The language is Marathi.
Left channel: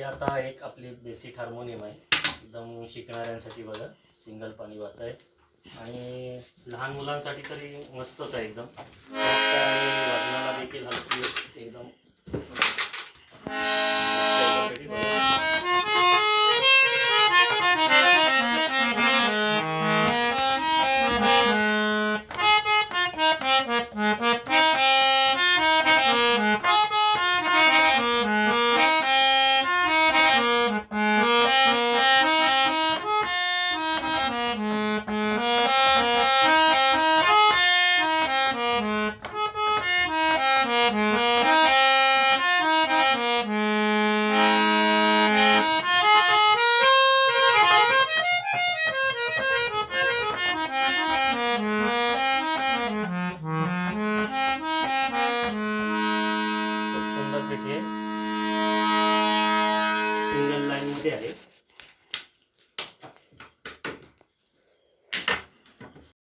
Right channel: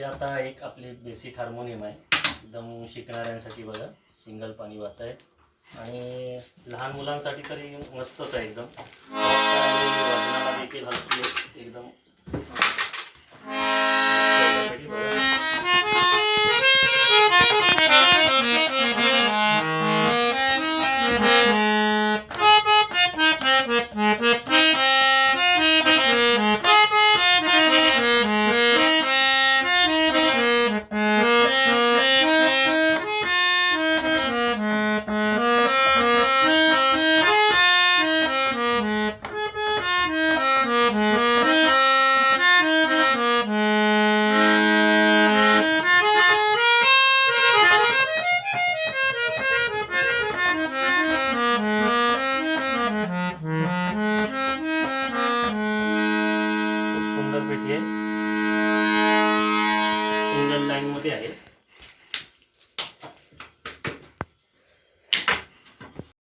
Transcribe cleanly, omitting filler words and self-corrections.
ही आता एक आपली बेसिक हार्मोनियम आहे, एकदम शिकणाऱ्यांसाठी बघा, सिंगल पाणी वाहत आहे आणि लहान मुलांसाठी तरी मस्तच आहे एकदम. आणि वाजनाला देखील हलकी आहे एकदम. सुंदर पेटी आहे, सिंगल लाईन मध्ये आहे.